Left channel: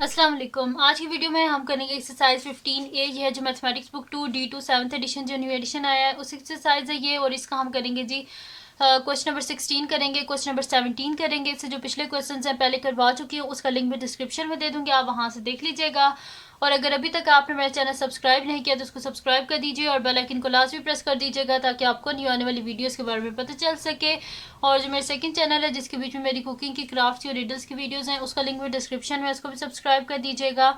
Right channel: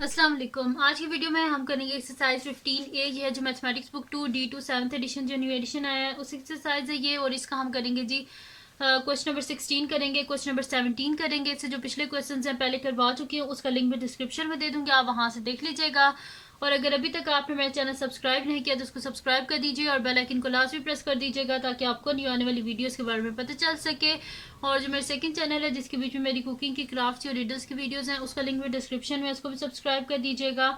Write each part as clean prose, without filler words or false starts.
अस्सलाम वालेकुम। आज की वीडियो में हम करेंगे एक्सरसाइज 15A। ये है जो mathematics book 2D2 7th edition जो न्यू एडिशन आया है उस एक्सरसाइज है ये। और इसका हम करेंगे जी क्वेश्चन नंबर 16 करेंगे, क्वेश्चन नंबर 17 करेंगे। इससे जो पिछले क्वेश्चन हैं पहले करवा चुकी हूँ, उसका लिंक भी डिस्क्रिप्शन में दे दूँगी, आप वहाँ से देख लीजिएगा। और अगर अभी तक आपने मेरा चैनल सब्सक्राइब नहीं किया तो उसको सब्सक्राइब कर दीजिए और बेल आइकन को लाजमी प्रेस कर दीजिएगा ताकि आपको न्यू आने वाली वीडियोस के बारे में पता चल सके। और जो मेरा सेकंड चैनल है जिसके बीच में मेरी कुकिंग की, क्राफ्ट और रीडर्स की वीडियोस हैं, उसका लिंक भी डिस्क्रिप्शन में, उसको भी सब्सक्राइब कर दीजिएगा।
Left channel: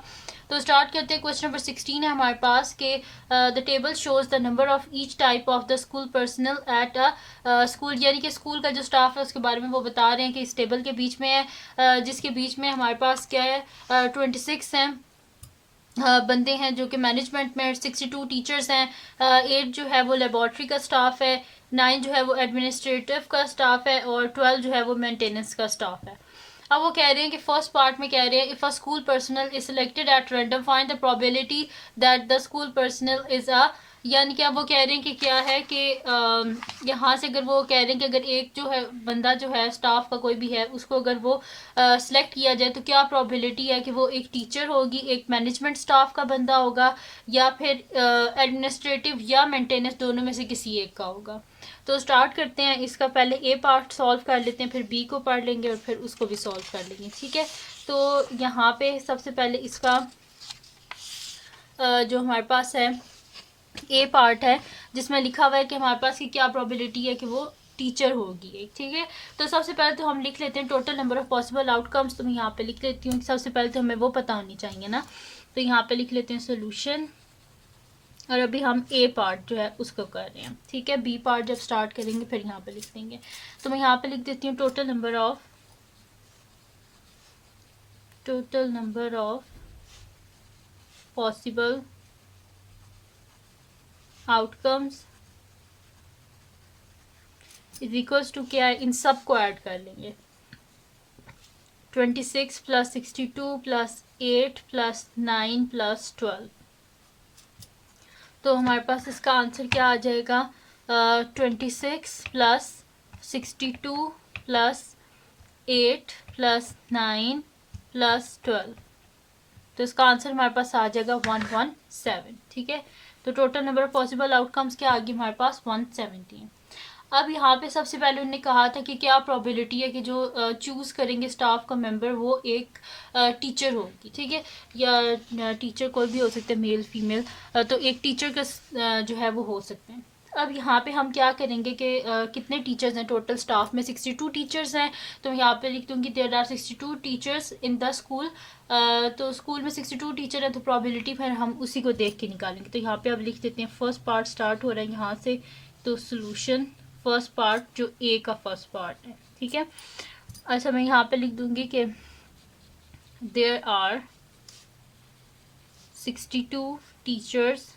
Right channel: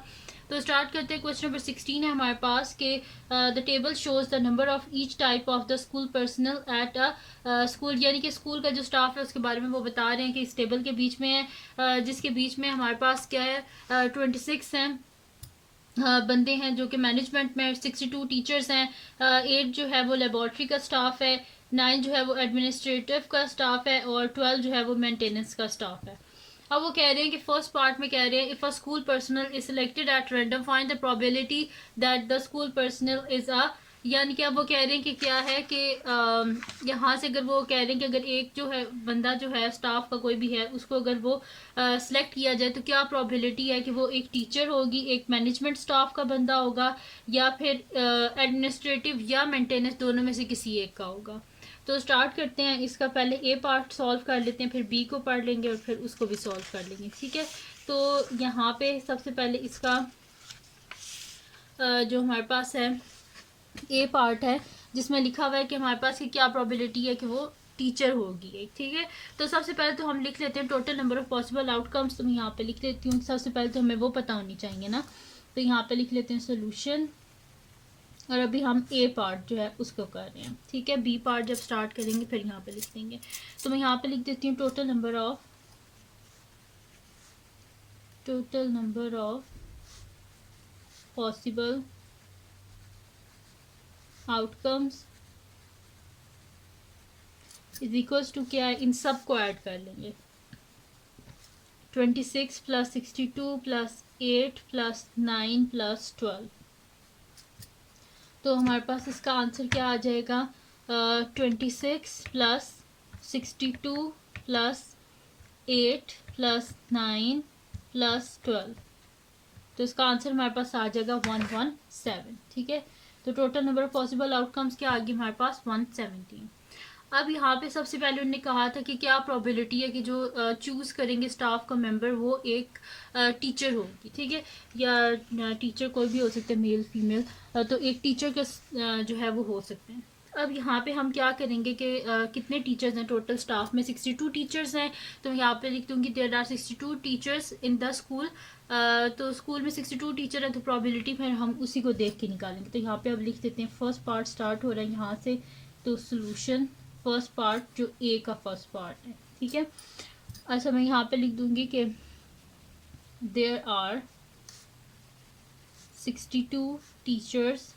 तो स्टार्ट करते हैं। क्वेश्चन नंबर 16 है हमारे पास के the table shows the number of each type of the school personal at a school, यानी कि स्कूल का जो स्टाफ है उसके बारे में वो बता रहे हैं कि इस टेबल के बीच में है, जिसके बीच में हमारे पास क्या है 26 हैं बंदे हैं जो कि मैनेजमेंट में, 62 टीचर्स हैं, 8 जो है वो लेबॉर्ट्री का स्टाफ है, 9 जो है वो एडमिनिस्ट्रेटिव का स्टाफ है और 12 जो है वो मेंटेनेंस का स्टाफ है। अब वो कह रहे हैं कि फर्स्ट पार्ट में कह रहे हैं if a school personal is selected at random find the probability that the school personal is अ, यानी कि अब वो कह रहे हैं कि क्या है कि यहाँ से अगर वो कह रहे हैं कि अगर एक जो है बंदा जो है स्टाफ का कोई भी है उसको अगर वो सिलेक्ट किया जाए तो क्या प्रोबेबिलिटी है कि वो एक टीचर होगी, एक मैनेजमेंट स्टाफ का बंदा होगा, या फिर एडमिनिस्ट्रेटिव या मेंटेनेंस, दोनों में से किसी एक का होगा। तो स्टार्ट करते हैं। इसका पहले ए पार्ट सॉल्व कर लेते हैं, फिर बी को पढ़ लेंगे और फिर उसको भी सॉल्व कर लेंगे, ठीक है। तो यहाँ पे सबसे पहले इसका जो हमारे पास है ए पार्ट है जिसमें लिखा हुआ है कि हमारे पास की क्या प्रोबेबिलिटी है कि वो टीचर होगी एक, ठीक है। तो सबसे पहले तो हम लिख लेते हैं total number of possible outcomes. तो मैं यहाँ पे लिख लेती हूँ, सबसे पहले तो हमें वो पता होनी चाहिए ना। तो यहाँ पे लिख लेते हैं सोल्यूशन, और अभी हम ए पार्ट जो है उसको कर रहे हैं, ठीक है। बी पार्ट जब स्टार्ट करेंगे फिर यहाँ पे लिख देंगे। तो मैं यहाँ पे लिख देती हूँ total number of possible outcomes is equals to क्या है, इन सब को ऐड कर लेंगे। 26 प्लस 62 प्लस 8 प्लस 9 प्लस 12। तो हमारे पास इसका आंसर क्या आ जाएगा, 26 प्लस 62 प्लस 8 प्लस 9 प्लस 12। तो इसका आंसर हमारे पास आ जाएगा 117, ठीक है। तो total number of possible outcomes क्या आ गई हमारे पास 117। अब यहाँ पे सबसे पहले उन्होंने कहा था कि क्या प्रोबेबिलिटी है कि जो चूज़ करेंगे स्टाफ का मेंबर वो एक टीचर होगी, ठीक है। या टीचर कोई भी हो सकता है, मेल फीमेल, तो एक टीचर का जो है वो हो सकते हैं। अब यहाँ पे हम क्या करेंगे कि कितने टीचर्स हैं टोटल स्टाफ में, 62 टीचर्स हैं। तो यहाँ पे लिख दूँगी there are 62 teachers in the school. तो स्कूल में 62 टीचर हैं तो प्रोबेबिलिटी फिर हम उसी को देख के निकालेंगे। तो यहाँ पे अब लिख देते हैं फर्स्ट पार्ट स्टार्ट हो रहा है यहाँ से। तो सोल्यूशन फर्स्ट पार्ट जो ए का फर्स्ट पार्ट है, ठीक है। अच्छा मैं यहाँ पे लिख दूंगी कि there are 62 teachers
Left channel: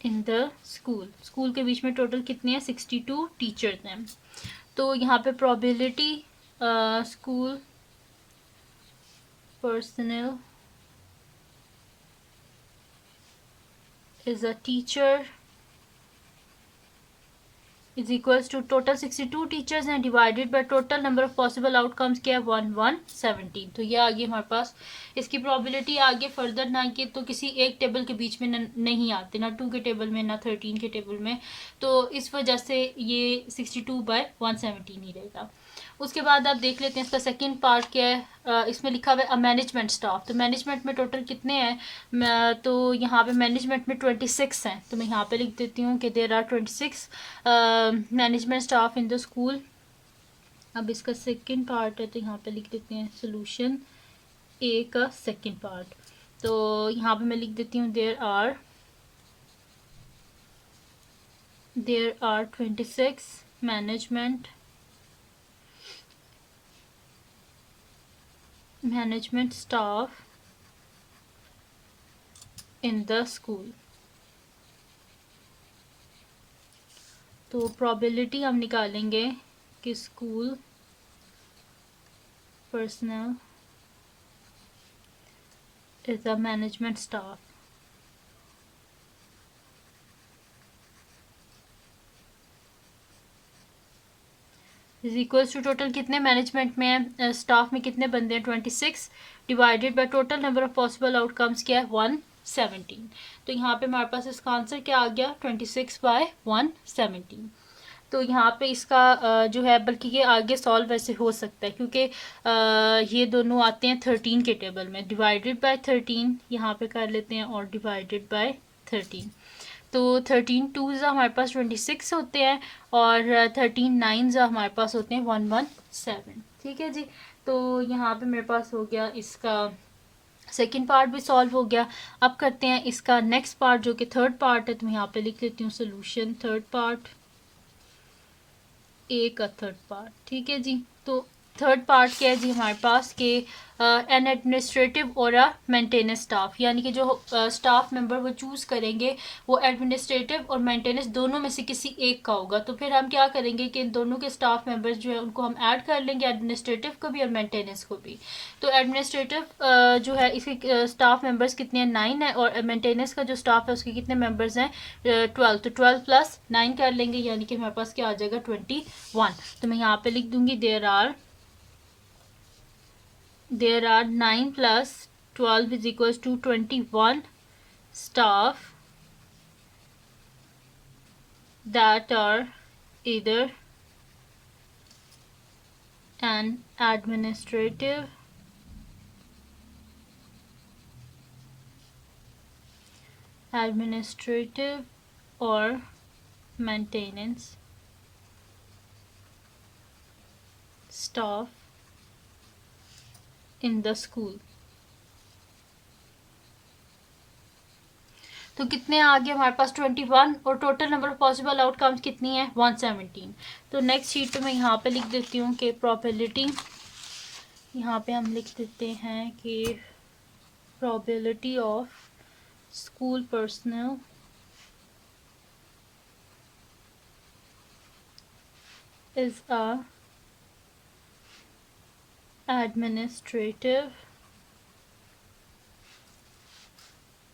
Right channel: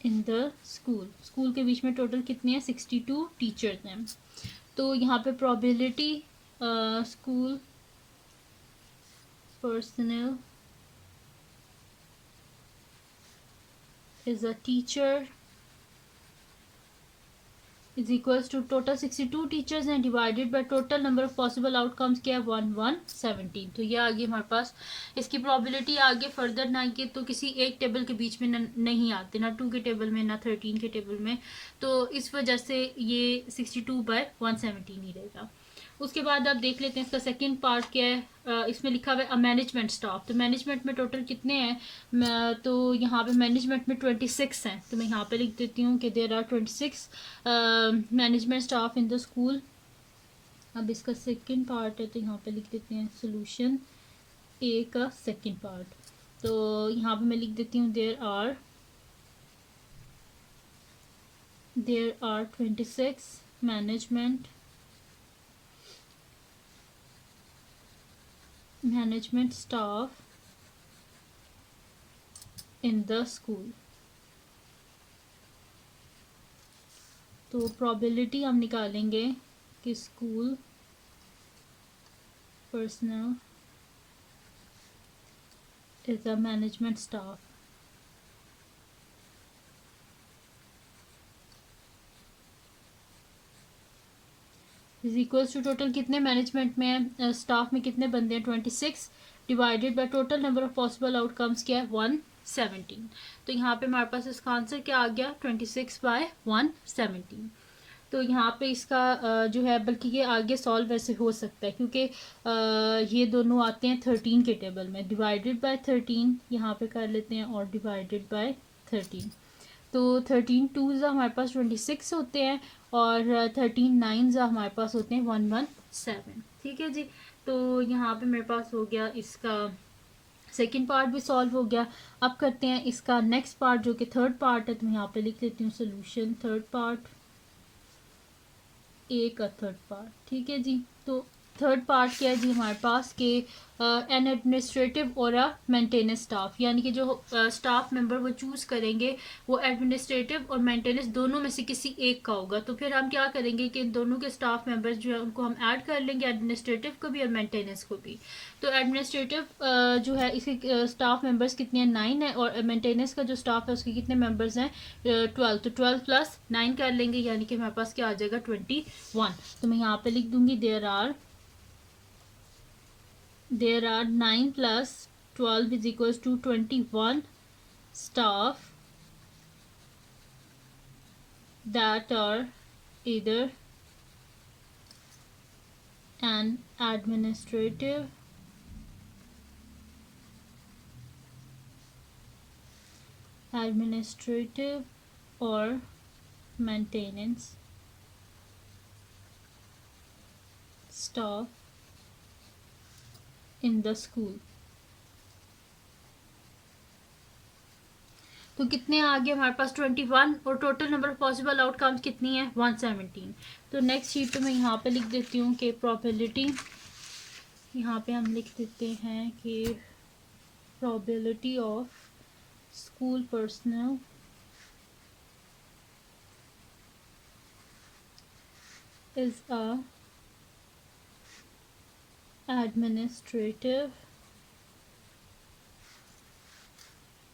in the school. School के बीच में टोटल कितने हैं, 62 टीचर्स हैं। तो यहाँ पे probability school personal is a teacher is equals to total 62 teachers हैं divided by total number of possible outcomes क्या है 1117। तो ये आगे हमारे पास इसकी प्रोबेबिलिटी आगे फर्दर ना कि तो किसी एक टेबल के बीच में नहीं आते, ना 2 के टेबल में ना 13 के टेबल में। तो इस वजह से ये 62/117 ही रहेगा। उसके बाद आप देख लेते हैं इसका सेकंड पार्ट क्या है। इसमें लिखा हुआ है मैनेजमेंट स्टाफ। तो मैनेजमेंट में टोटल कितने हैं, तो यहाँ पे मैनेजमेंट में 26 हैं। तो मैं यहाँ पे लिख देती हूँ कि there are 26 management staff in the school. अब इसका सेकंड पार्ट है तो यहाँ पे लिख देते हैं सोल्यूशन ए का सेकंड पार्ट। तो यहाँ पे मैं लिख देती हूँ there are 26 management staff in the school. तो प्रोबेबिलिटी हम निकालेंगे कि school personal is a management staff. Is equals to total कितने मैनेजमेंट में है, स्टाफ में कितने बंदे हैं 26 divided by total number of possible outcomes क्या है 117। तो यहाँ पे हमारे पास इसका आंसर क्या आ गया 26/117। तो यहाँ पे इसका जो है, बल्कि ये आगे सॉल्व वैसे हो सकता है क्योंकि ये दोनों आते हैं 13 के टेबल में, डिवाइडेड बाय 13 यहाँ पे कर लेते हैं और डिवाइडेड बाय 13। तो 13 2 हमारे पास 26 होते हैं और 13 9 हमारे पास होते हैं 117। ठीक है जी। तो यहाँ पे मेरे पास हो गया इसका सेकेंड पार्ट भी सॉल्व हो गया। अब करते हैं इसका नेक्स्ट पार्ट जो कि थर्ड पार्ट है। तो मैं यहाँ पे लिख लेती हूँ सोल्यूशन थर्ड पार्ट, ए का थर्ड पार्ट। ठीक है जी। तो थर्ड पार्ट क्या है जी हमारे पास के एन एडमिनिस्ट्रेटिव और अ मेंटेनेंस स्टाफ, यानी कि जो स्टाफ मेंबर वो चूज़ करेंगे वो एडमिनिस्ट्रेटिव और मेंटेनेंस दोनों में से किसी एक का होगा। तो फिर हम क्या करेंगे कि इन दोनों के स्टाफ मेंबर्स जो है उनको हम ऐड कर लेंगे, एडमिनिस्ट्रेटिव को भी और मेंटेनेंस को भी। तो एडमिनिस्ट्रेटिव जो है इसके स्टाफ मेंबर्स कितने हैं 9 है, और मेंटेनेंस का जो स्टाफ है उसके कितने मेंबर्स हैं 12। तो 12 + 9 कर लेंगे, यानी कि हमारे पास क्या आ जाएगा 21। तो मैं यहाँ पे लिख दूंगी there are 9 + 12 is equals to 21 staff that are either an administrative or maintenance staff in the school। तो कितने आ गए हमारे पास 21 और total number of possible outcomes कितनी है 117। तो नेक्स्ट शीट पे मैं यहाँ पे लिख देती हूँ कि प्रोबेबिलिटी, यहाँ पे हम लिख देते हैं कि probability of school personal is a administrative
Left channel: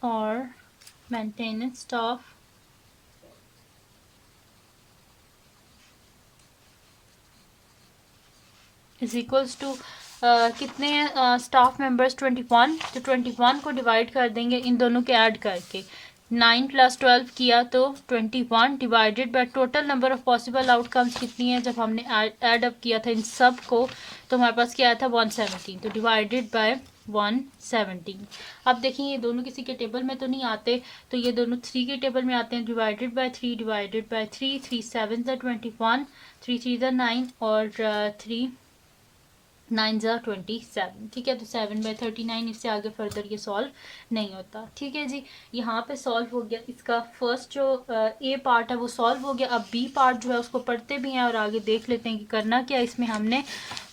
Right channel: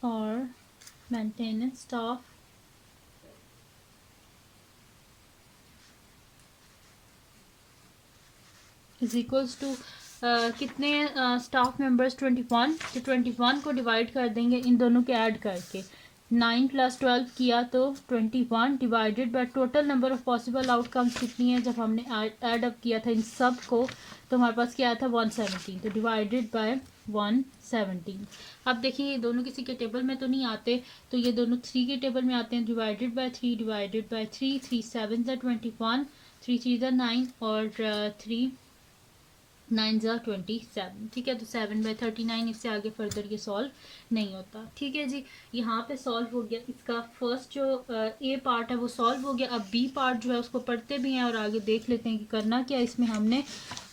or maintenance staff is equals to कितने स्टाफ मेंबर्स 21। तो 21 को डिवाइड कर देंगे इन दोनों के ऐड करके, 9 + 12 किया तो 21 divided by total number of possible outcomes कितनी है जब हमने ऐड अप किया था इन सब को, तो हमारे पास क्या आया था 117। तो डिवाइडेड बाय 117। अब देखिए ये दोनों किसी के टेबल में तो नहीं आते, तो ये दोनों 3 के टेबल में आते हैं। डिवाइडेड बाय 3 डिवाइडेड बाय 3, 3 7 21, 3 3 9 और 3 9 27। ठीक है। तो 7/39, इससे आगे फर्दर ये सॉल्व नहीं होता। ठीक है जी। यहाँ पे सॉल्व हो गया इसका फर्स्ट जो ए पार्ट है वो सॉल्व हो गया। अब बी पार्ट जो है उसको पढ़ते भी हैं और आगे देख लेते हैं कि करना क्या इसमें हमने।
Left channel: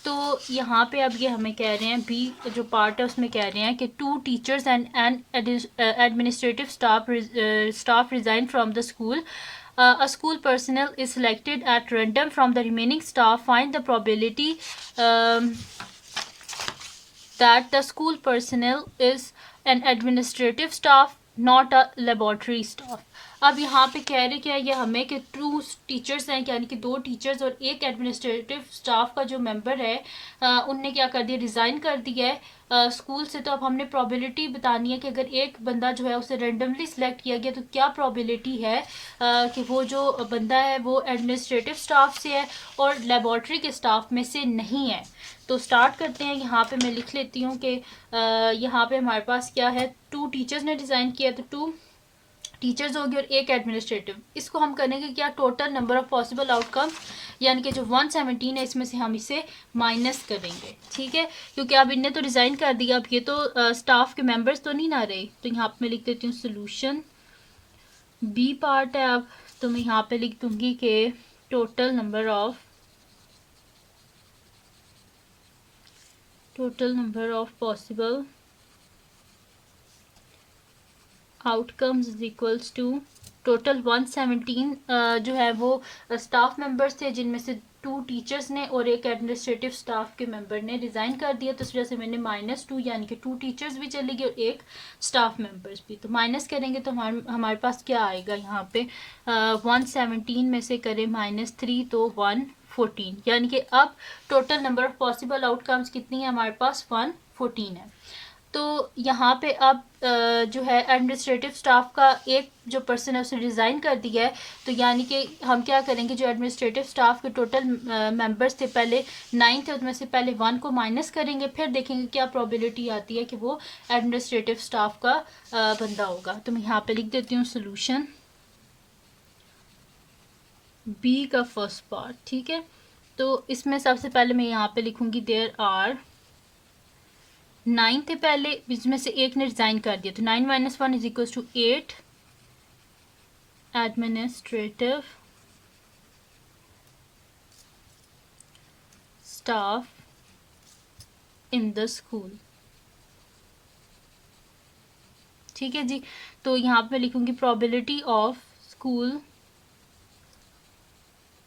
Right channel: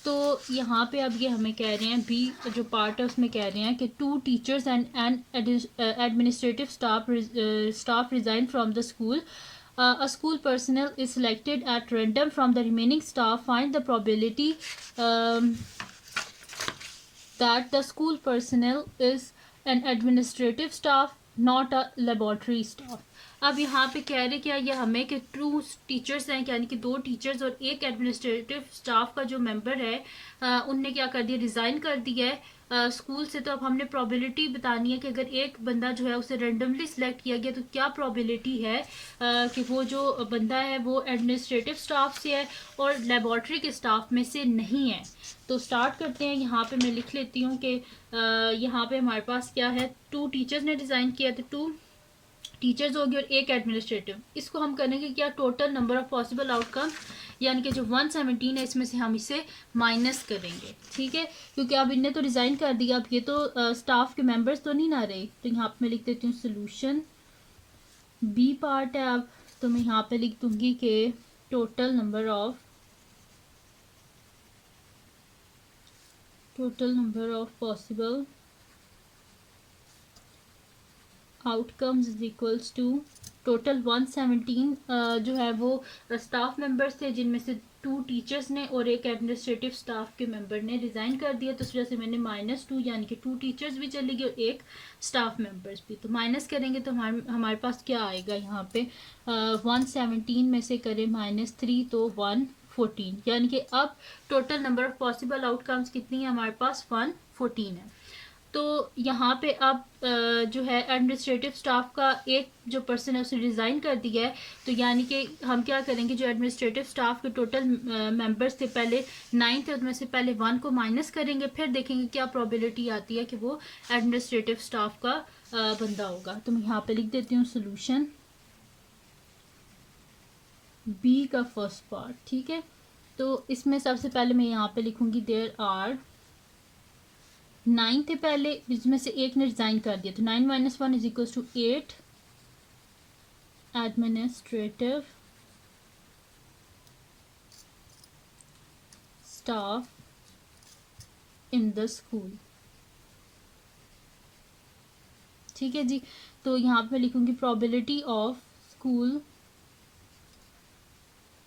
तो यहाँ पे अब ये हमें कह रहे हैं बी जो पार्ट है उसमें कह रहे हैं कि 2 teachers and administrative staff resign from the school. A school personnel is selected at random from the remaining staff. Find the probability that the school personnel is an administrative staff, not a laboratory staff। अब यहाँ पे कह रहे क्या ये हमें कि 2 teachers हैं, यानी कि 2 टीचर्स और एक एडमिनिस्ट्रेटिव स्टाफ का जो मेंबर है उनने क्या कर दिया, रिज़ाइन कर दिया है स्कूल से। तो अब हमने प्रोबेबिलिटी बतानी है कि अगर एक बंदा जो है उसे रेंडमली सिलेक्ट किया गया तो क्या प्रोबेबिलिटी है कि वो जो बंदा है वो एडमिनिस्ट्रेटिव स्टाफ से है और लेबॉर्ट्री के स्टाफ में से नहीं है। तो स्टार्ट करते हैं। यहाँ पे मैं लिख लेती हूँ कि यहाँ पे हमारे पास क्या है 2 टीचर्स ने डिज़ाइन किया, तो 2 टीचर्स होगी और एक एडमिनिस्ट्रेटिव। इसको हम करेंगे क्या total number of possible outcome, यानी कि जो 117 है इसमें से हम इसे माइनस करेंगे। ठीक है। क्योंकि अब इनने तो डिज़ाइन कर दिया, अब ये तो स्टाफ के मेंबर्स तो नहीं ना रहे। तो यहाँ पे मैं लिख देती हूँ सोल्यूशन बी पार्ट है। अब तो मैं यहाँ पे लिख दूंगी कि total number of possible outcomes is equals to total 117 जो है वो स्टाफ मेंबर्स थे जिनमें से 2 टीचर्स ने और एक एडमिनिस्ट्रेटिव स्टाफ के मेंबर ने रिज़ाइन कर दिया। तो इस वजह से मैंने -2 यानी कि 2 टीचर्स भी चली गई और एक स्टाफ मेंबर्स भी। तो माइनस करेंगे तो हमारे पास क्या आएगा यहाँ पे 117 में से करें -3 तो 1 114, यानी कि अब total number of possible outcomes कितनी है हमारे पास, 114 है। तो यहाँ पे अब जो है एडमिनिस्ट्रेटिव स्टाफ का एक जो पर्सन है उसने रिज़ाइन कर दिया है, तो यानी कि हम क्या करेंगे, जो एडमिनिस्ट्रेटिव स्टाफ के टोटल मेंबर्स थे पहले 9 थे, उसमें से पहले 1 को माइनस करेंगे, फिर देखेंगे क्या प्रोबेबिलिटी आती है कि वो एडमिनिस्ट्रेटिव स्टाफ का बंदा होगा। तो मैं यहाँ पे लिख देती हूँ सोल्यूशन बी का फर्स्ट पार्ट, ठीक है। तो इसमें सबसे पहले मैं यहाँ पे लिखूँगी देयर आर 9 थे पहले, इसमें से एक ने रिजाइन कर दिया, तो 9 - 1 = 8 administrative staff in the school, ठीक है जी। तो यहाँ पे लिखूंगी probability of school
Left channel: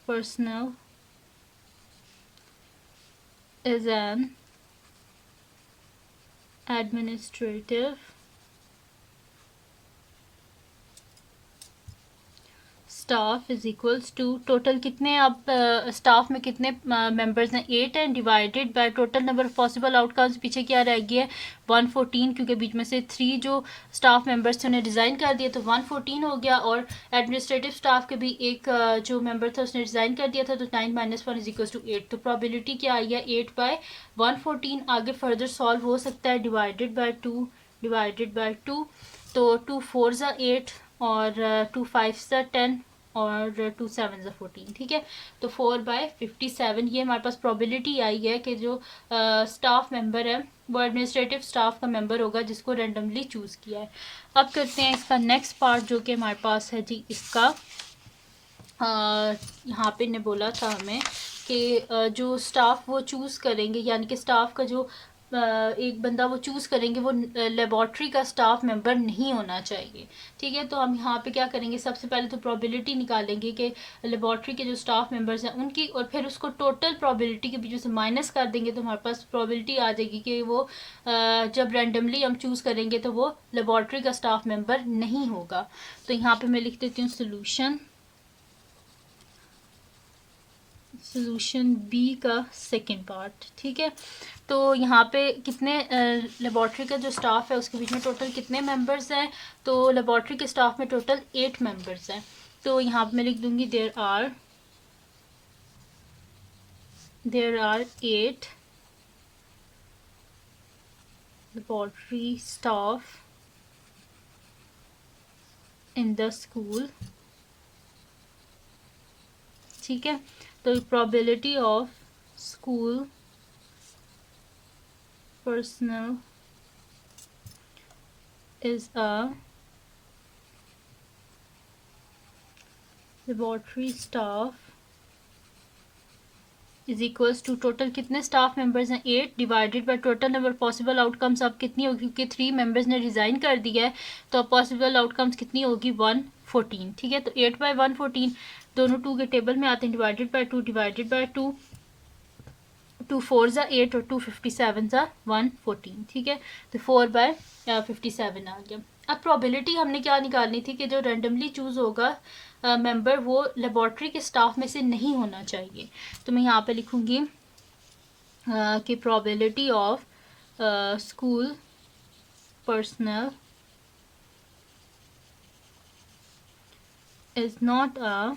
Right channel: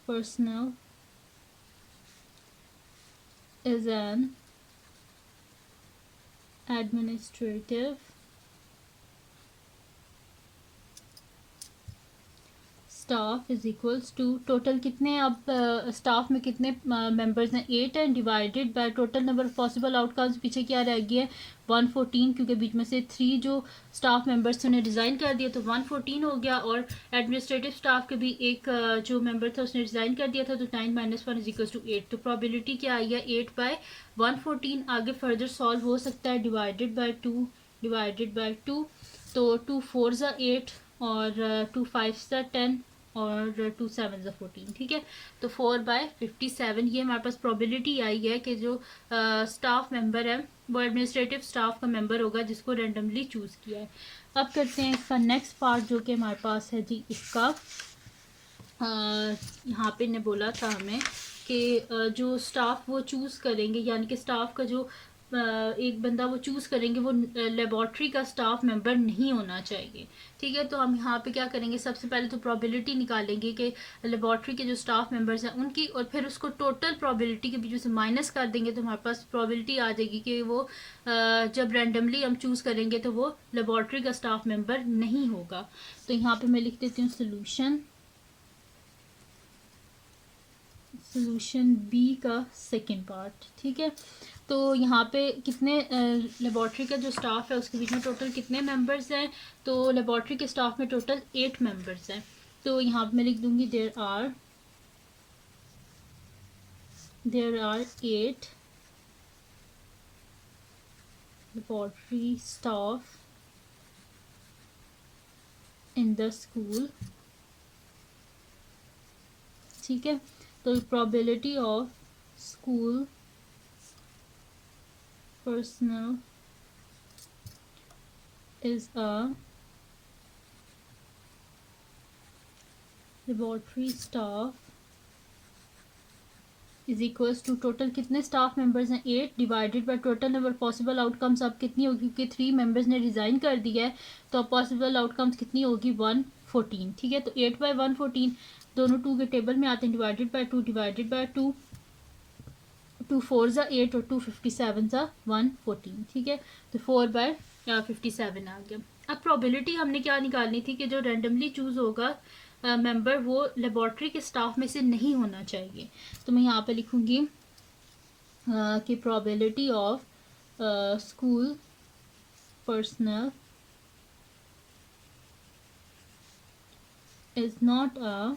personal is an administrative staff is equals to, total कितने अब स्टाफ में कितने मेंबर्स हैं, 8 हैं, divided by total number of possible outcomes, पीछे क्या रह गया है 114, क्योंकि बीच में से 3 जो स्टाफ मेंबर्स थे उन्हें रिज़ाइन कर दिया, तो 114 हो गया। और एडमिनिस्ट्रेटिव स्टाफ के भी एक जो मेंबर था उसने रिज़ाइन कर दिया था, तो 9 - 1 = 8। तो प्रोबेबिलिटी क्या आई है 8/114। आगे फर्दर सॉल्व हो सकता है, डिवाइडेड बाय 2 डिवाइडेड बाय 2, तो 2 4 ज़ा 8 और 2 5 ज़ा 10 और 2 7 ज़ा 14, ठीक है। तो 4/57 ये हमारे पास प्रोबेबिलिटी आई है कि जो स्टाफ मेंबर है वो एडमिनिस्ट्रेटिव स्टाफ का मेंबर होगा जिसको रैंडमली चूज़ किया है। अब करते हैं इसका नेक्स्ट पार्ट जो कि हमारे पास है जी, इसका यहाँ पे ने बोला था हमें कि जो स्टाफ वो चूज़ करेंगे, यानी कि स्टाफ का जो एक बंदा वो चूज़ करेंगे वो लेबॉर्ट्री का स्टाफ मेंबर नहीं होना चाहिए, ठीक है। तो हम यहाँ पे क्या करेंगे, सबसे पहले तो प्रोबेबिलिटी निकालेंगे कि लेबॉर्ट्री के जो स्टाफ मेंबर्स हैं उनकी, और फिर उसको टोटल प्रोबेबिलिटी के बीच में से माइनस कर देंगे, तो हमारे पास प्रोबेबिलिटी आ जाएगी कि वो जब रैंडमली हम चूज़ करेंगे तो वो लेबॉर्ट्री का स्टाफ मेंबर नहीं होगा। तो यहाँ पर मैं लिख देती हूँ सोल्यूशन बी का सेकेंड पार्ट, ठीक है। तो यहाँ पे कितने लेबॉर्ट्री का जो स्टाफ है उसके बीच में टोटल कितने मेंबर्स हैं, तो लेबॉर्ट्री के स्टाफ में टोटल 8 मेंबर्स हैं। तो यहाँ पे मैं लिख दूंगी there are 8 laboratory staff in the school, ठीक है। तो probability of school personnel is a laboratory staff is equals to total कितने स्टाफ मेंबर्स हैं 8 divided by total number possible outcomes अब कितनी होगी, क्योंकि 3 मेंबर्स ने रिज़ाइन कर दिया है तो अब पॉसिबल आउटकम्स कितनी होगी 114, ठीक है। तो 8/114 दोनों 2 के टेबल में आते हैं, डिवाइडेड बाय 2 डिवाइडेड बाय 2, 2 4 ज़ा 8 और 2 57 ज़ा 114, ठीक है। तो 4/57 आ गया। अब प्रोबेबिलिटी हमने क्या निकालनी थी कि जो रैंडमली चूज़ होगा मेंबर वो लेबॉर्ट्री के स्टाफ में से नहीं होना चाहिए। तो मैं यहाँ पे लिखूँगी कि probability of school personnel is not a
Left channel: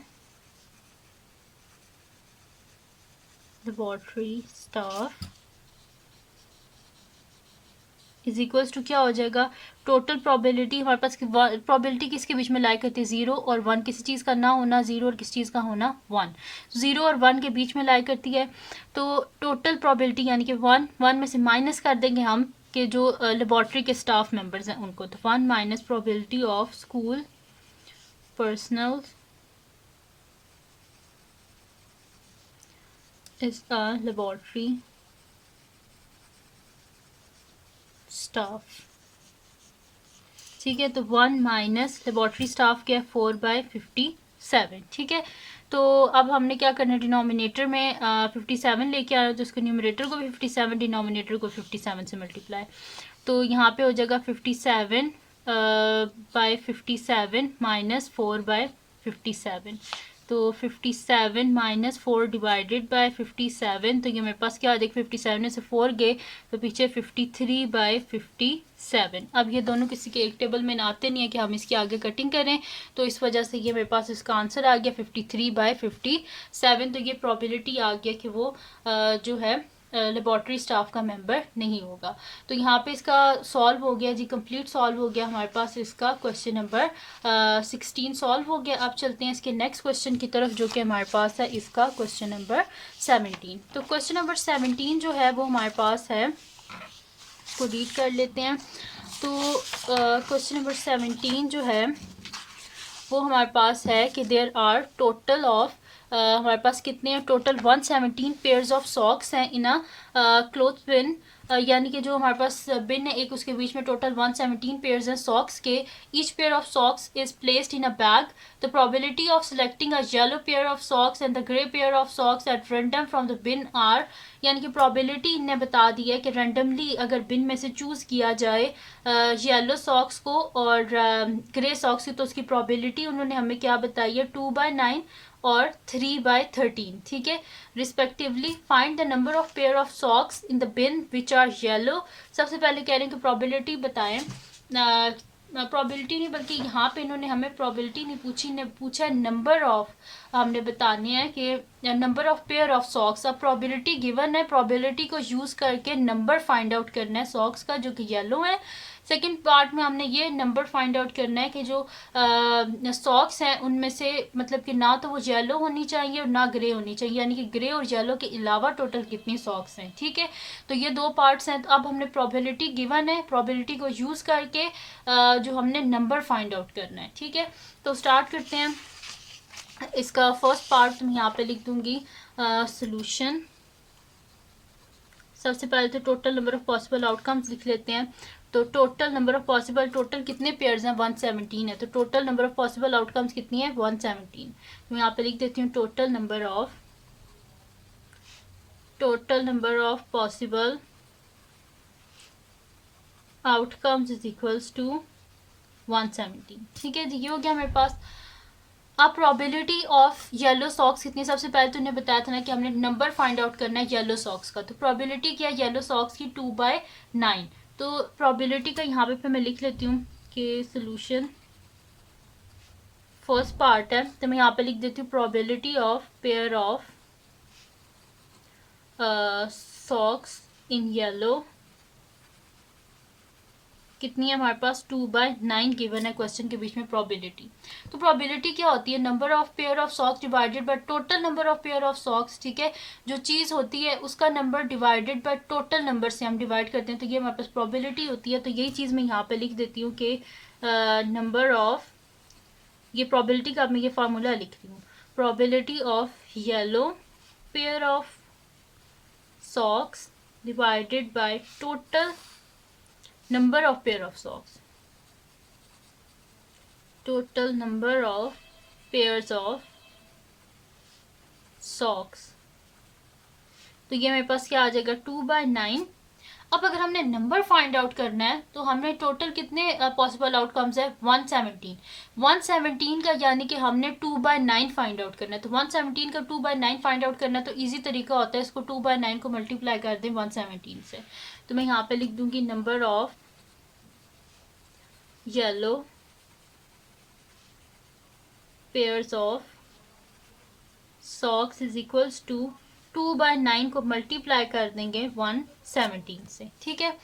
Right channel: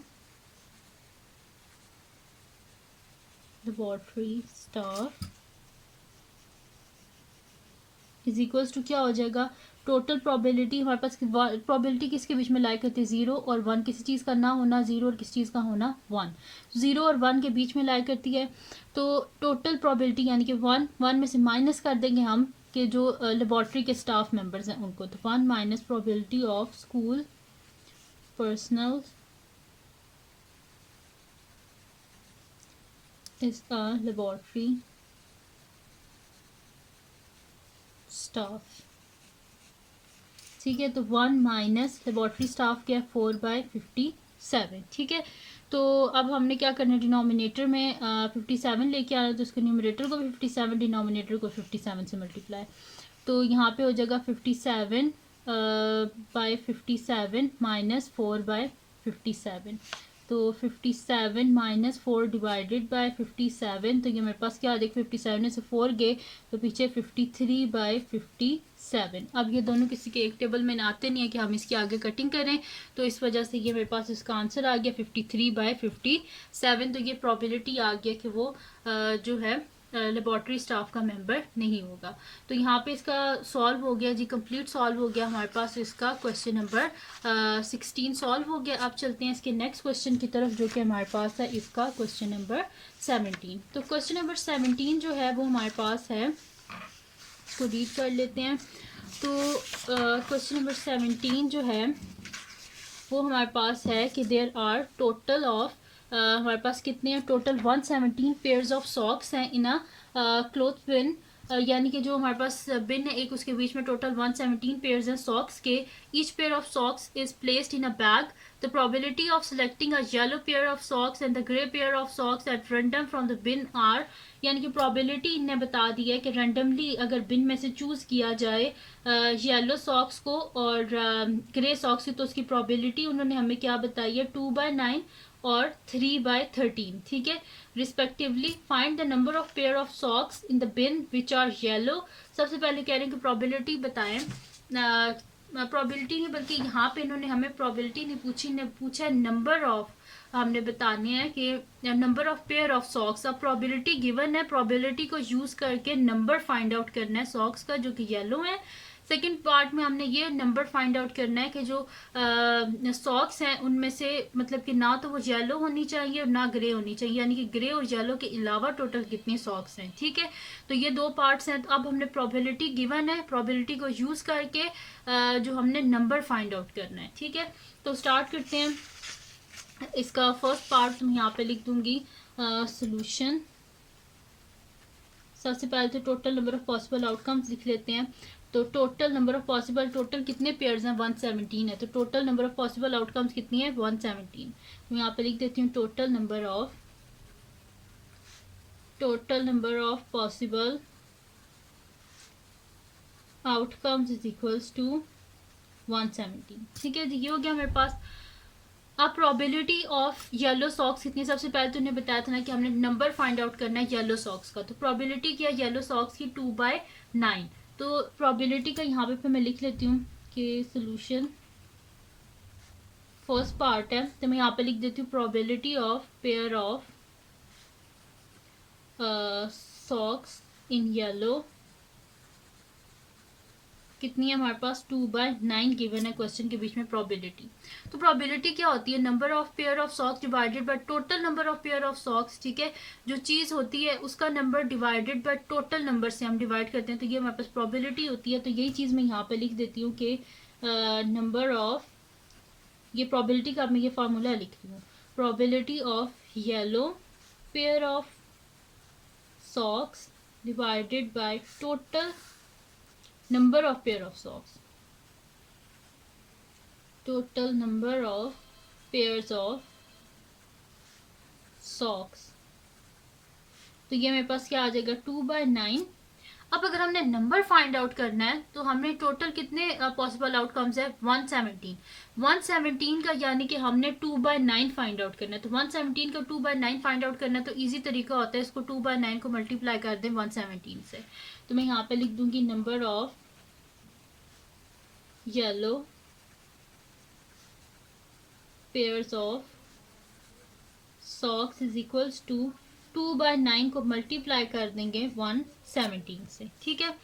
laboratory staff is equals to क्या हो जाएगा, टोटल प्रोबेबिलिटी हमारे पास प्रोबेबिलिटी किसके बीच में लाई करती है 0 और 1, किसी चीज़ का ना होना 0 और किसी चीज़ का होना 1, 0 और 1 के बीच में लाई करती है। तो टोटल प्रोबेबिलिटी यानी कि 1 में से माइनस कर देंगे हम कि जो लेबॉर्ट्री के स्टाफ मेंबर्स हैं उनको, तो 1 minus probability of school personal is a laboratory staff, ठीक है। तो 1 माइनस लेबॉर्ट्री स्टाफ क्या है 4/57, ठीक है। तो अब हमने क्या करना है, डिनोमिनेटर में 57 लेके आना, तो उसको न्यूमरेटर को भी 57 डिनोमिनेटर को 57 से मल्टीप्लाई, तो यहाँ पे हो जाएगा 57/57 माइनस 4/57, तो तो 57 माइनस 4 डिवाइडेड बाय 57, तो ये मेरे पास क्या आ जाएगा, 57 में से 4 गए तो पीछे 53 बाय 57। अब ये दोनों किसी के एक टेबल में आते नहीं है कि हम इसके आगे कटिंग करें, तो इस वजह से ये मेरे पास इसका आंसर आ गया 53 बाय 57। तो ये प्रॉबिलिटी आ गया कि वो जो है लेबॉर्ट्री स्टाफ का मेंबर नहीं होगा। तो यहाँ पे इसका सॉल्व हो गया जी, कंप्लीट सॉल्व हो गया हमारे पास इसका क्वेश्चन नंबर 16 सॉल्व हो गया। अब चलते हैं इसके नेक्स्ट क्वेश्चन की तरफ जो कि हमारे पास है इसका क्वेश्चन नंबर 17। तो क्वेश्चन नंबर 17 जो है वो हमारे पास है, इसको रीड कर लेते हैं। तो क्वेश्चन नंबर 17 जो है वो हमारे पास है कि देयर आर टोटल ऑफ हमारे पास कितने हैं, टोटल 117 पेयर्स ऑफ सॉक्स हैं इन अ क्लोथ बिन, यानी कि जो हमारे पास बिन है एक, उसके बीच में टोटल 117 पेयर्स हैं सॉक्स के। Each pair of socks is placed in a bag. The probability of selecting a yellow pair of socks and the grey pair of socks at random from the bin are, यानी कि probability इन्हें बता दी है कि randomly अगर बिन में से choose किया जाए येलो सॉक्स को और ग्रे सॉक्स की, तो उसकी प्रोबेबिलिटी उन्होंने हमें क्या बताई है, 2/9 और 3/13, ठीक है, respectively. Find the number of pair of socks in the bin which are yellow. सबसे पहले कह रहे हैं कि प्रोबेबिलिटी बताएं, प्रोबेबिलिटी नहीं बल्कि यहाँ पे इन्होंने हमें प्रोबेबिलिटी नहीं पूछी, ने पूछा नंबर ऑफ, हमने बताने हैं कि number of pair of socks. अब प्रोबेबिलिटी गिवन है, प्रोबेबिलिटी को यूज़ करके नंबर फाइंड आउट करना है सॉक्स का जो कि येलो है। सेकेंड पार्ट में हमने ये नंबर फाइंड आउट करना है कि जो सॉक्स हैं उनमें से मतलब कि ना तो वो येलो होनी चाहिए और ना ग्रे होनी चाहिए, यानी कि ग्रे और येलो के अलावा टोटल कितनी सॉक्स हैं, ठीक है। तो ये दो पार्ट्स हैं। तो अब हमने प्रोबेबिलिटी गिवन है, प्रोबेबिलिटी को यूज़ करके जो हमने नंबर फाइंड आउट करना है, ठीक है। तो स्टार्ट करते हैं। इसका फर्स्ट पार्ट मैं यहाँ पे लिख दूंगी सोल्यूशन। सबसे पहले तो total number of possible outcomes लिख लेते हैं। तो total number of possible, total कितने पेयर्स हैं, 117 है, तो total number of possible outcomes कितनी है, 117। मैं यहाँ पे लिख देती हूँ total number of possible outcomes is equals to 117, ठीक है जी। ये हो गया मेरे पास। अब प्रोबेबिलिटी ऑफ येलो सॉक्स कितनी, सबसे पहले तो उन्हें बताया था ना कि हमने नंबर फाइंड आउट करना है येलो सॉक्स का। तो प्रोबेबिलिटी क्या है येलो सॉक्स की, 2/9। तो प्रोबेबिलिटी का यहाँ पे मैं लिख लेती हूँ कि सोल्यूशन फर्स्ट पार्ट है, तो मैं यहाँ पे लिख देती हूँ probability of pair of socks in yellow कितनी है हमारे पास, 2/9 गिवन है क्वेश्चन के बीच में प्रोबेबिलिटी। तो प्रोबेबिलिटी क्या होती है, number of pair of socks divided by total number of pair of socks, ठीक है। जो चीज़ होती है उसका number divided by total number से हम डिवाइड करते हैं, तो ये हमारे पास प्रोबेबिलिटी होती है। तो यही चीज़ मैं यहाँ पे लिख देती हूँ कि नंबर ऑफ, ये प्रोबेबिलिटी का मैं ये फार्मूला लिख रही हूँ, probability of yellow pair of socks divided by total number of pair of socks, total number of pairs of socks। तो ये मेरे पास क्या आ जाएगा, 2/9। अब अगर हमने नंबर फाइंड आउट करना है तो हमने टोटल कितने पॉसिबल आउटकम्स है, 117 का, यानी कि हमने 2/9 फाइंड आउट करना है। तो 117 का 2/9 फाइंड आउट करना है, तो इजी तरीका होता है इसको 2/9 को मल्टीप्लाई कर दें 117 से। तो मैं यहाँ पे लिख दूंगी number of yellow pairs of socks is equals to 2/9 को मल्टीप्लाई कर देंगे 117 से, ठीक है।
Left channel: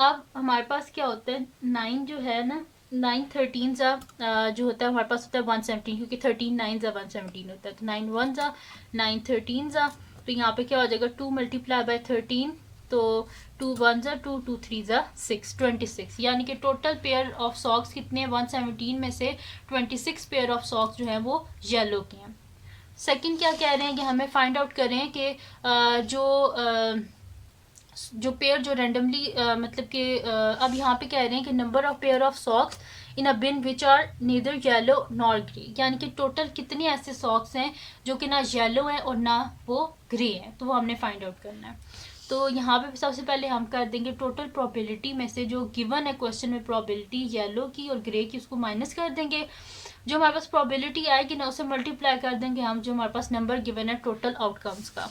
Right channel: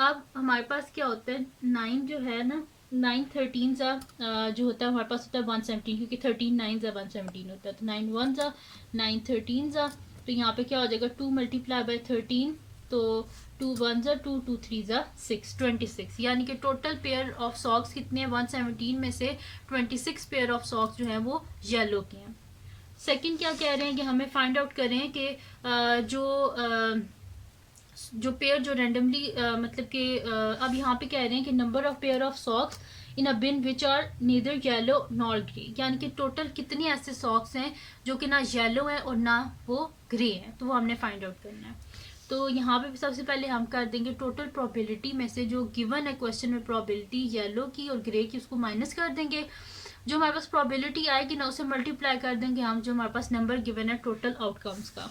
अब हमारे पास क्या होता है, 9 जो है ना, 9 13 जो होता है हमारे पास होता है 117, क्योंकि 13 9 117 होता है। तो 9 1 9 13 तो यहाँ पे क्या हो जाएगा, 2 मल्टीप्लाई बाय 13, तो 2 1 2 2 3 6 26, यानी कि टोटल पेयर ऑफ सॉक्स कितने हैं, 117 में से 26 पेयर ऑफ सॉक्स जो हैं वो येलो के हैं। सेकंड क्या कह रहे हैं कि हमें फाइंड आउट करें कि जो पेयर जो रेंडमली मतलब कि अब यहाँ पे कह रहे हैं कि number of pair of socks in a bin which are neither yellow nor grey, यानी कि टोटल कितने ऐसे सॉक्स हैं जो कि ना येलो हैं और ना वो ग्रे हैं, तो वो हमने फाइंड आउट करना है। तो यहाँ पे सबसे पहले हम कर देंगे टोटल प्रोबेबिलिटी में से जो गिवन है क्वेश्चन में प्रोबेबिलिटी येलो की और ग्रे की, उसको माइनस कर देंगे। जो हमारे पास प्रोबेबिलिटी आएगी ना उसे मल्टीप्लाई कर देंगे हम जो हमारे पास नंबर गिवन है टोटल आउटकम्स का।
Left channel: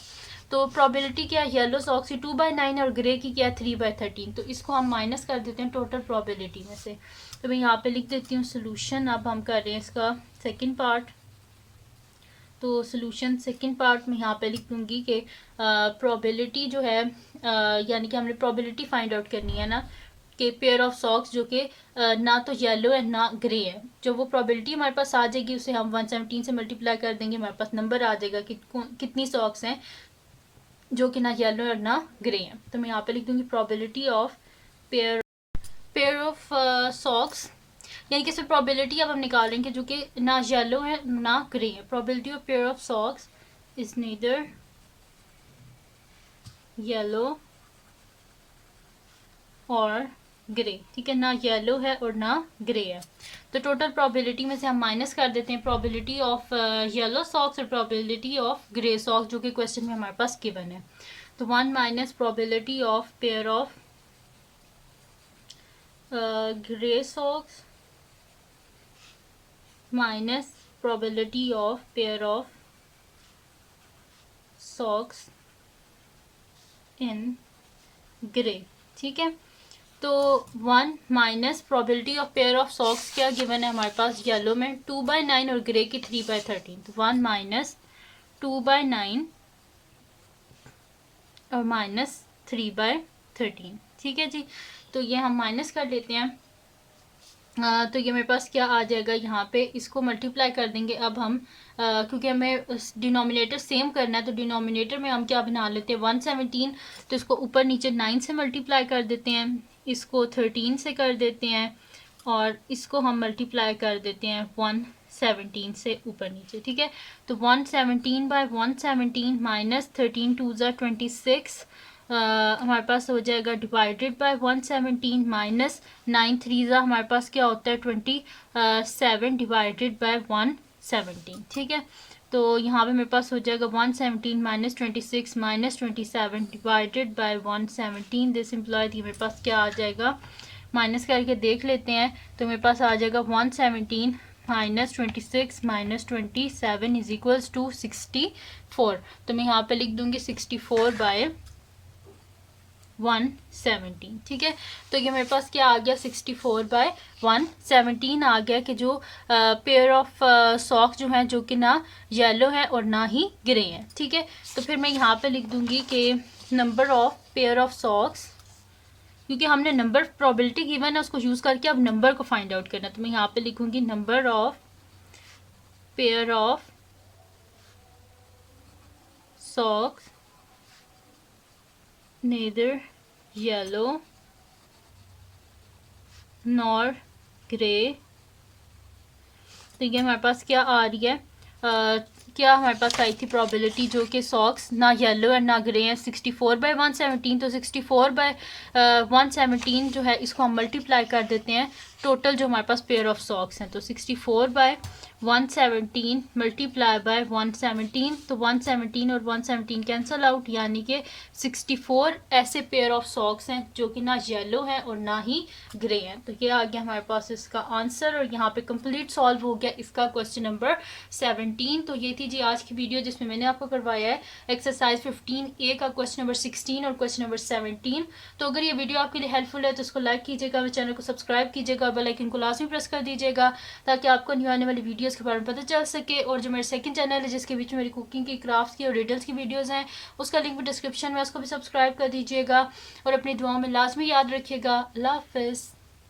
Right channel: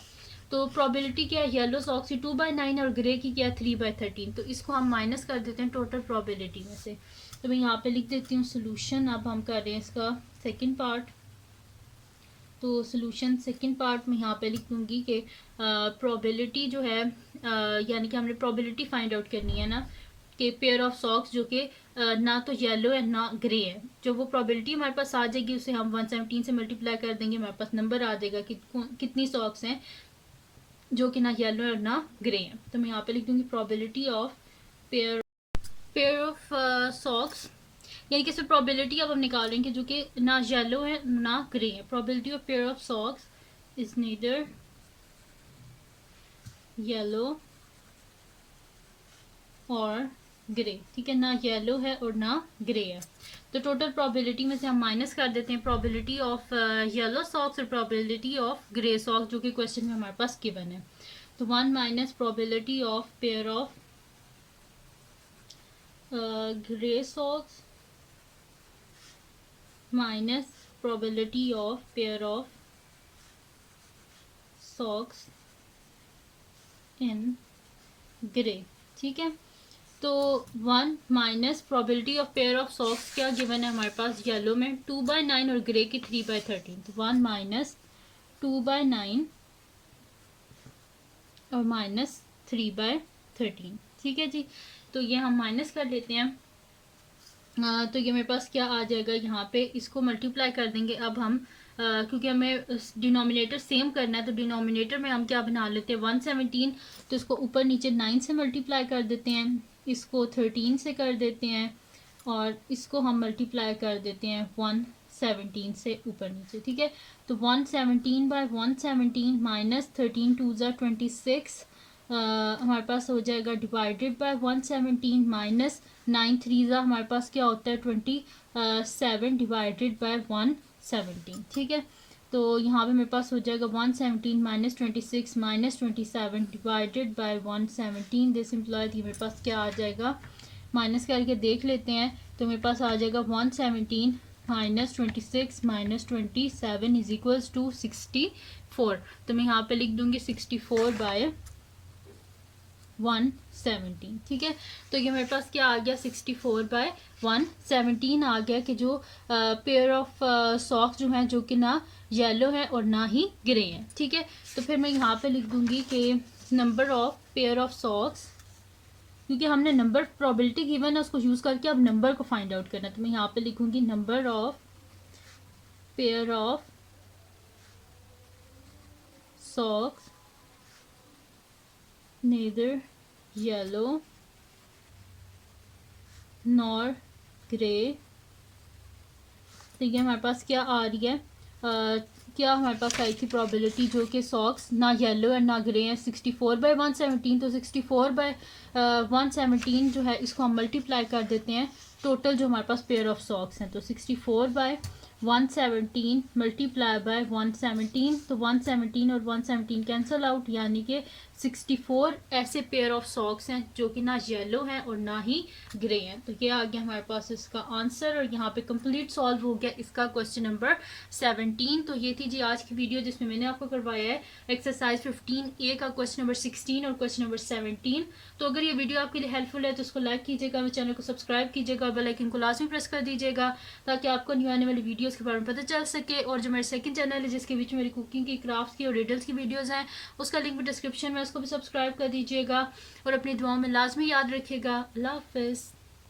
तो प्रोबेबिलिटी क्या है, येलो सॉक्स की 2/9 और ग्रे की क्या है 3/13, तो इसको हम माइनस कर देते हैं टोटल प्रोबेबिलिटी में से। तो मैं यहाँ पे लिख देती हूँ सोल्यूशन। अब हम कर रहे हैं इसका सेकंड पार्ट। तो सोल्यूशन सेकंड पार्ट में यहाँ पे लिख दूँगी कि प्रोबेबिलिटी जो है यानी कि हमने प्रोबेबिलिटी फाइंड आउट करनी है ना कि पेयर ऑफ सॉक्स जो कि ना तो येलो है ना ग्रे है, जो वो प्रोबेबिलिटी हमारे पास आ जाएगी उसे हम 117 से मल्टीप्लाई कर देंगे, हमारे पास नंबर आ जाएगा कि कितनी सॉक्स हैं जो कि ना येलो और ना ग्रे हैं। तो मैं यहाँ पे लिख दूँगी probability of pair of socks, यानी कि सिर्फ प्रोबेबिलिटी अब हम निकाल रहे हैं कि जो कि ना येलो है ना ग्रे है। Probability of pair of socks is neither yellow और ग्रे, ठीक है, ना येलो है और ना ग्रे है। तो टोटल प्रोबेबिलिटी में से हम माइनस कर देते हैं प्रोबेबिलिटी ऑफ येलो सॉक्स और प्रोबेबिलिटी ऑफ ग्रे सॉक्स जो कि क्वेश्चन में हमारे पास गिवन है। तो 1 minus probability of pair of grey socks minus probability of pair of socks in grey, ठीक है। तो 1 minus probability of pair of socks क्या गिवन है हमारे पास येलो में 2/9 और ग्रे की 3/13, तो 1 माइनस 2/9 और माइनस 3/13, ठीक है जी। तो ये हम माइनस कर लेते हैं। तो ये मेरे पास क्या आ जाएगा, यहाँ पे इसको मल्टीप्लाई कर देंगे अब हम क्योंकि हमें डिनोमिनेटर सेम करना है तो डिनोमिनेटर में हम क्या बना लेते हैं 117, तो इसको ऊपर नीचे 9 से मल्टीप्लाई कर देते हैं, इसको 13 से कर देते हैं और इसको हम मल्टीप्लाई कर देते हैं 117 से ऊपर नीचे, ठीक है। तो 117/117 माइनस 13 2 ज़ा 26 हमारे पास हो जाएगा डिवाइडेड बाय 117 माइनस 9 3 ज़ा हमारे पास क्या होता है 27 डिवाइडेड बाय 117, ठीक है। तो यहाँ पे मेरे पास हो जाएगा 117 minus 26 minus 27 divided by 117, this employed ये मेरे पास क्या आ जाएगा, माइनस करके देख लेते हैं। तो मेरे पास आ जाएगा 117 minus 26 minus 27 is equals to 64। तो मैं यहाँ पे लिख दूंगी 64/117, ठीक है। तो ये मेरे पास क्या आ गया 64/117 आ गया कि जो पेयर ऑफ सॉक्स जो हैं जो कि ना येलो है और ना ही ग्रे हैं, ठीक है। तो फिर मैं यहाँ पे लिख दूंगी कि number of pair of socks, क्योंकि हमने नंबर प्रोबेबिलिटी गिवन है उसको यूज़ करके अब नंबर को फाइंड आउट करना है। तो मैं यहाँ पे लिखूंगी number of pair of socks neither yellow nor grey। तो ये हमारे पास क्या आ रही है, क्या हमारे पास आई थी प्रोबेबिलिटी जो कि सॉक्स ना येलो है ना ग्रे है 64/117। तो 64/117 जो है इसको हम मल्टीप्लाई कर देते हैं टोटल जो हमारे पास पेयर ऑफ सॉक्स हैं। तो 64/117 मल्टीप्लाई बाय 117, तो 117 और 117 कैंसिल आउट, यानी कि 64 ऐसे पेयर ऑफ सॉक्स हैं जो कि ना येलो हैं और ना ही ग्रे हैं। तो ये आ गया हमारे पास इसका आंसर और यहाँ पे कंप्लीट सॉल्व हो गया इसका क्वेश्चन नंबर 17। तो ये थी जी आज की वीडियो जिसमें मैंने आपको करवाया है एक्सरसाइज 15A का क्वेश्चन नंबर 16 और क्वेश्चन नंबर 17। तो अगर ये वीडियो आपके लिए हेल्पफुल है तो इसको लाइक कीजिएगा, मेरे चैनल को सब्सक्राइब कीजिएगा और बेल आइकन को लाजमी प्रेस कर दीजिएगा ताकि आपको न्यू आने वाली वीडियोस के बारे में पता चल सके। और जो मेरा सेकंड चैनल है जिसके बीच में मेरी कुकिंग की, क्राफ्ट की और रिडल्स की वीडियोस हैं उसका लिंक भी डिस्क्रिप्शन में, उसको भी सब्सक्राइब कर दीजिएगा और अपनी दुआओं में लाजमी याद रखिएगा। अल्लाह हाफिज़।